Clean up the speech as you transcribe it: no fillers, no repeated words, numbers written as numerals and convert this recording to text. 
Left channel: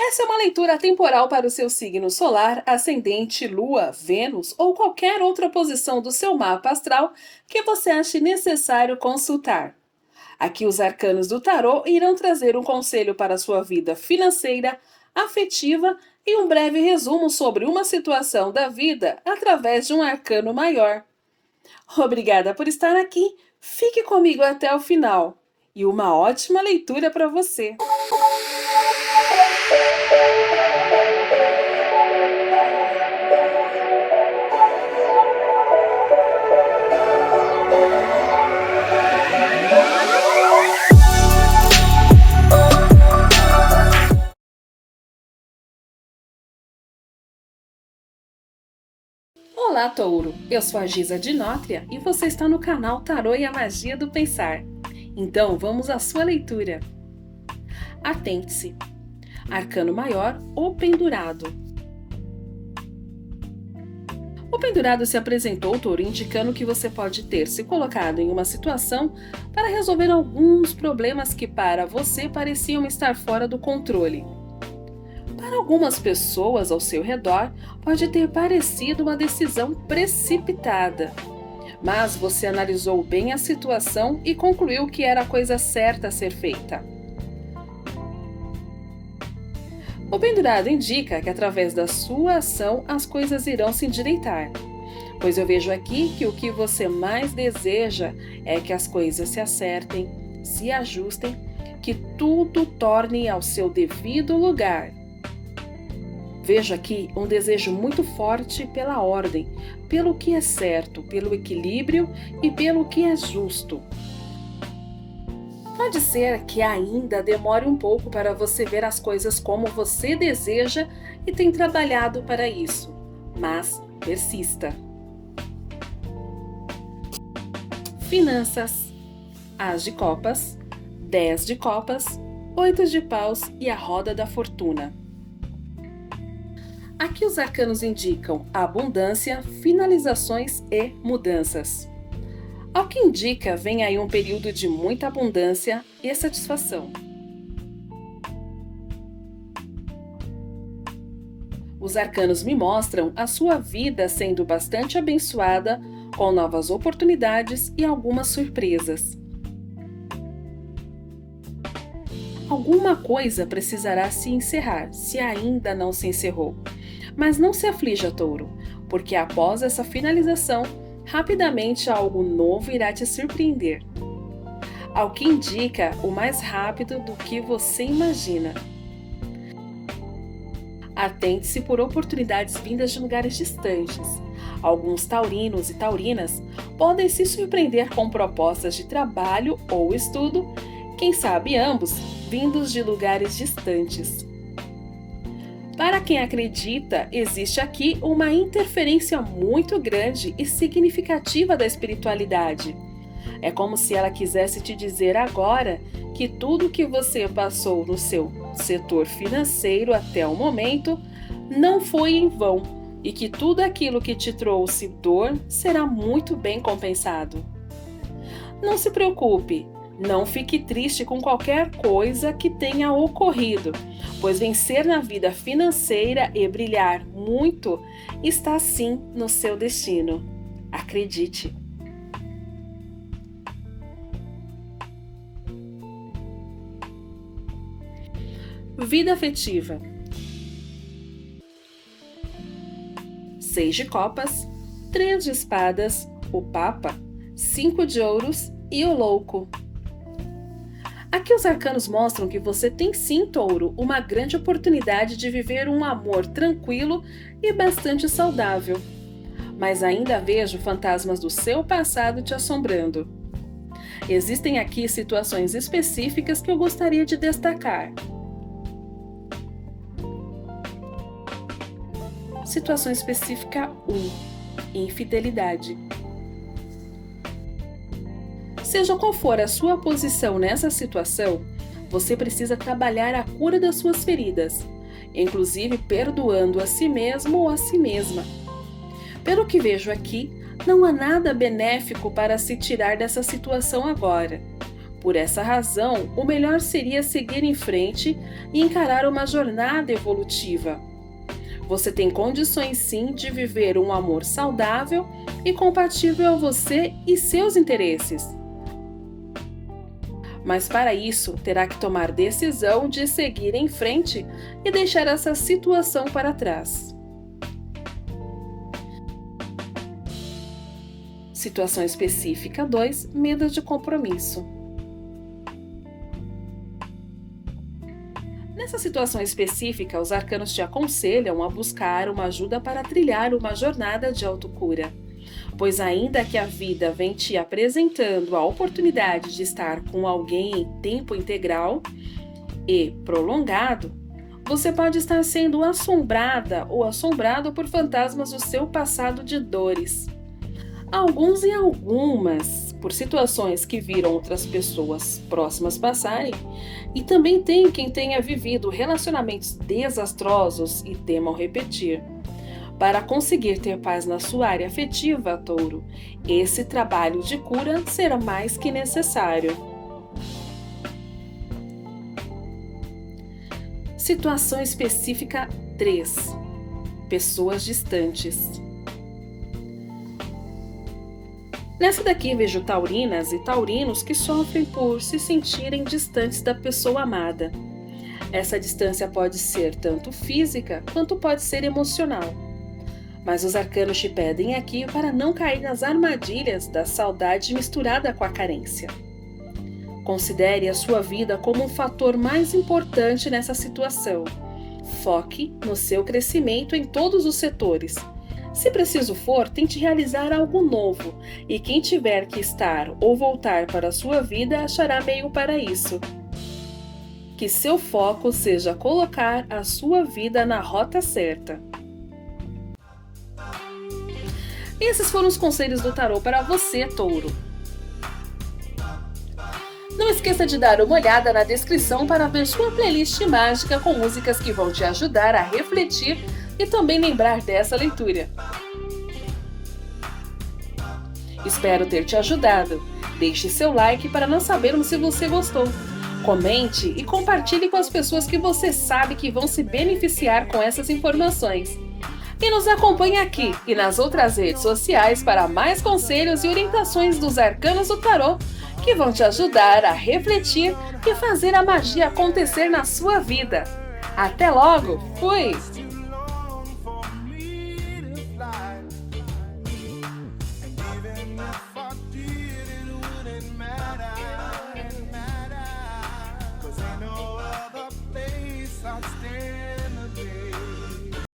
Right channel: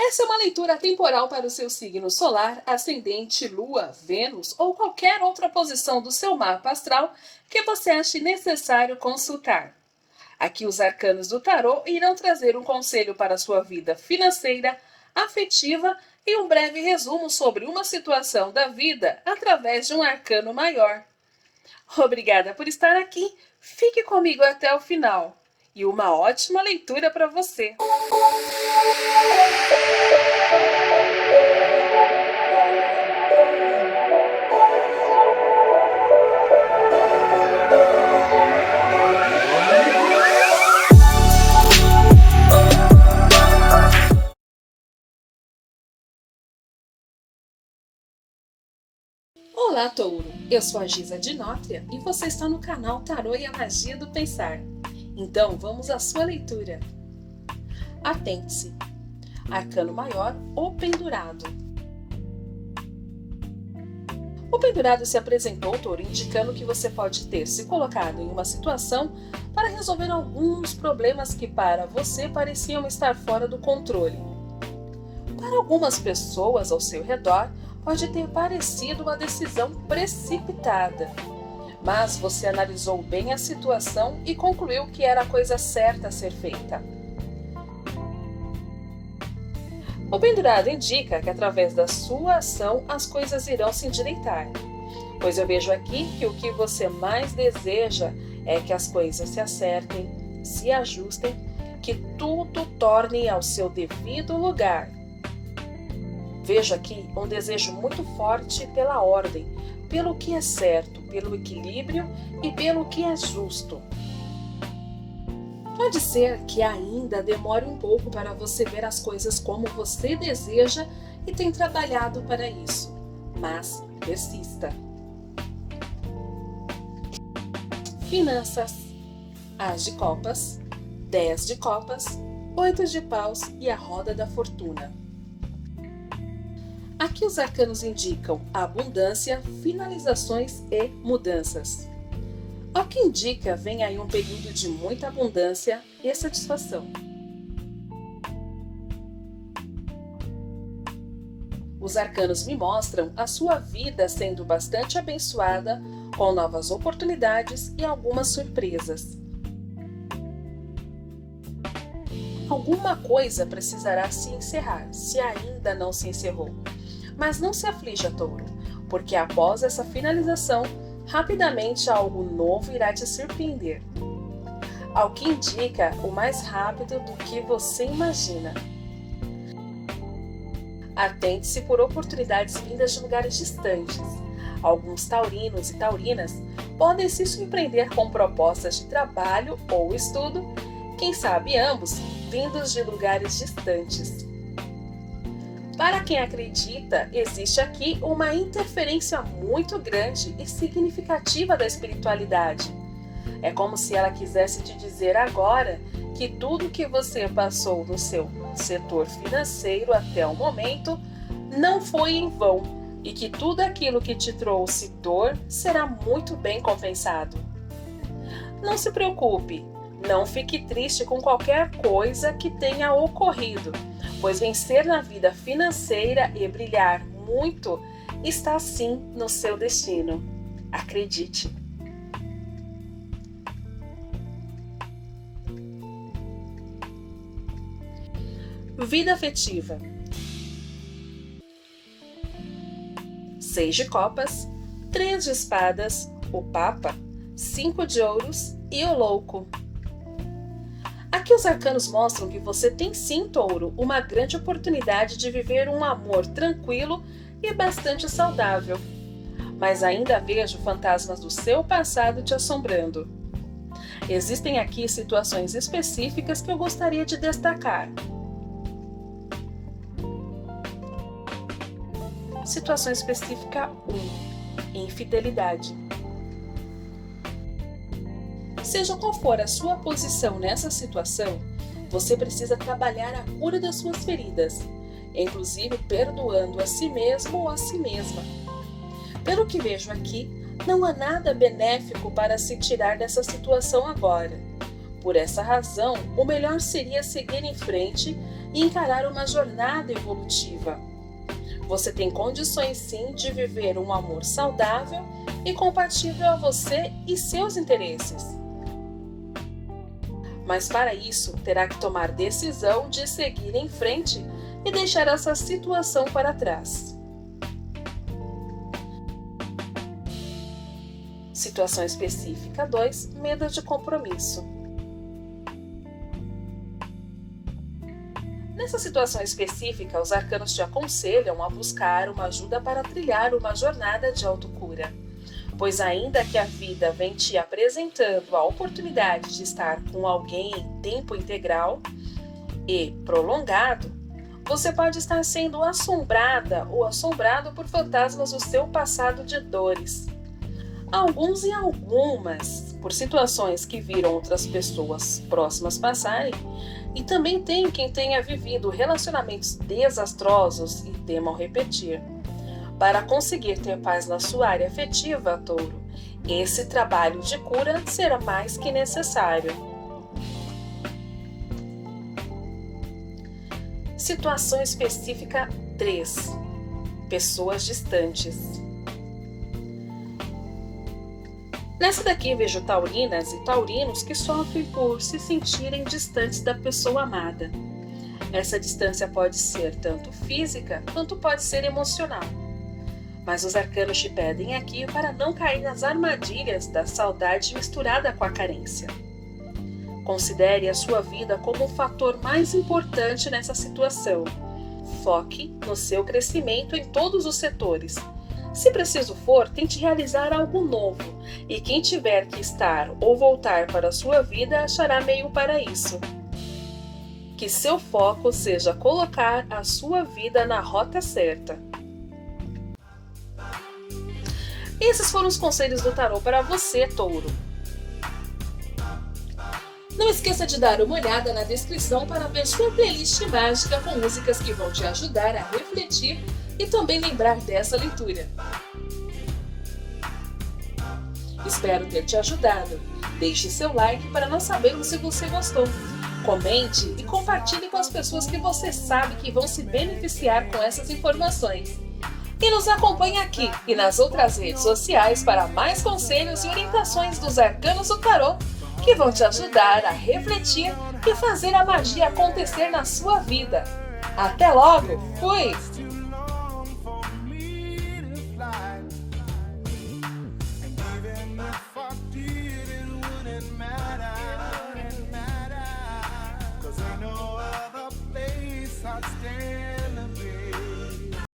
Essa é uma leitura temporal para o seu signo solar, ascendente, lua, Vênus ou qualquer outra posição do seu mapa astral que você ache necessário consultar. Aqui os arcanos do tarô irão trazer um conselho para a sua vida financeira, afetiva e um breve resumo sobre uma situação da vida através de um arcano maior. Obrigada por estar aqui, fique comigo até o final e uma ótima leitura para você! Olá, Touro! Eu sou a Giza de Nótria e você está no canal Tarô e a Magia do Pensar. Então, vamos à sua leitura. Atente-se. Arcano maior ou pendurado. O pendurado se apresentou, Touro, indicando que você pode ter se colocado em uma situação para resolver alguns problemas que para você pareciam estar fora do controle. Para algumas pessoas ao seu redor, pode ter parecido uma decisão precipitada. Mas você analisou bem a situação e concluiu que era a coisa certa a ser feita. O pendurado indica que através da sua ação as coisas irão se endireitar. Pois eu vejo aqui que o que você mais deseja é que as coisas se acertem, se ajustem, que tudo torne ao seu devido lugar. Vejo aqui um desejo muito forte pela ordem, pelo que é certo, pelo equilíbrio e pelo que é justo. Pode ser que ainda demore um pouco para você ver as coisas como você deseja e tem trabalhado para isso, mas persista. Finanças: As de copas, 10 de copas, 8 de paus e a roda da fortuna. Aqui os arcanos indicam abundância, finalizações e mudanças. Ao que indica, vem aí um período de muita abundância e satisfação. Os arcanos me mostram a sua vida sendo bastante abençoada, com novas oportunidades e algumas surpresas. Alguma coisa precisará se encerrar, se ainda não se encerrou. Mas não se aflija, Touro, porque após essa finalização, rapidamente algo novo irá te surpreender. Ao que indica, o mais rápido do que você imagina. Atente-se por oportunidades vindas de lugares distantes. Alguns taurinos e taurinas podem se surpreender com propostas de trabalho ou estudo, quem sabe ambos, vindos de lugares distantes. Para quem acredita, existe aqui uma interferência muito grande e significativa da espiritualidade. É como se ela quisesse te dizer agora que tudo que você passou no seu setor financeiro até o momento não foi em vão e que tudo aquilo que te trouxe dor será muito bem compensado. Não se preocupe. Não fique triste com qualquer coisa que tenha ocorrido, pois vencer na vida financeira e brilhar muito está sim no seu destino. Acredite! Vida afetiva: 6 de copas, 3 de espadas, o Papa, 5 de ouros e o Louco. Aqui os arcanos mostram que você tem sim, Touro, uma grande oportunidade de viver um amor tranquilo e bastante saudável. Mas ainda vejo fantasmas do seu passado te assombrando. Existem aqui situações específicas que eu gostaria de destacar. Situação específica 1. Infidelidade. Seja qual for a sua posição nessa situação, você precisa trabalhar a cura das suas feridas, inclusive perdoando a si mesmo ou a si mesma. Pelo que vejo aqui, não há nada benéfico para se tirar dessa situação agora, Por essa razão, o melhor seria seguir em frente e encarar uma jornada evolutiva. Você tem condições sim de viver um amor saudável e compatível a você e seus interesses. Mas para isso, terá que tomar decisão de seguir em frente e deixar essa situação para trás. Situação específica 2, medo de compromisso. Nessa situação específica, os arcanos te aconselham a buscar uma ajuda para trilhar uma jornada de autocura. Pois ainda que a vida vem te apresentando a oportunidade de estar com alguém em tempo integral e prolongado, você pode estar sendo assombrada ou assombrado por fantasmas do seu passado de dores. Alguns e algumas por situações que viram outras pessoas próximas passarem, e também tem quem tenha vivido relacionamentos desastrosos e temam repetir. Para conseguir ter paz na sua área afetiva, Touro, esse trabalho de cura será mais que necessário. Situação específica 3. Pessoas distantes. Nessa daqui vejo taurinas e taurinos que sofrem por se sentirem distantes da pessoa amada. Essa distância pode ser tanto física quanto pode ser emocional. Mas os arcanos te pedem aqui para não cair nas armadilhas da saudade misturada com a carência. Considere a sua vida como o fator mais importante nessa situação. Foque no seu crescimento em todos os setores. Se preciso for, tente realizar algo novo, e quem tiver que estar ou voltar para a sua vida achará meio para isso. Que seu foco seja colocar a sua vida na rota certa. Esses foram os conselhos do tarô para você, Touro. Não esqueça de dar uma olhada na descrição para ver sua playlist mágica com músicas que vão te ajudar a refletir e também lembrar dessa leitura. Espero ter te ajudado. Deixe seu like para nós sabermos se você gostou. Comente e compartilhe com as pessoas que você sabe que vão se beneficiar com essas informações. E nos acompanhe aqui e nas outras redes sociais para mais conselhos e orientações dos arcanos do tarô que vão te ajudar a refletir e fazer a magia acontecer na sua vida. Até logo! Fui! I'd stay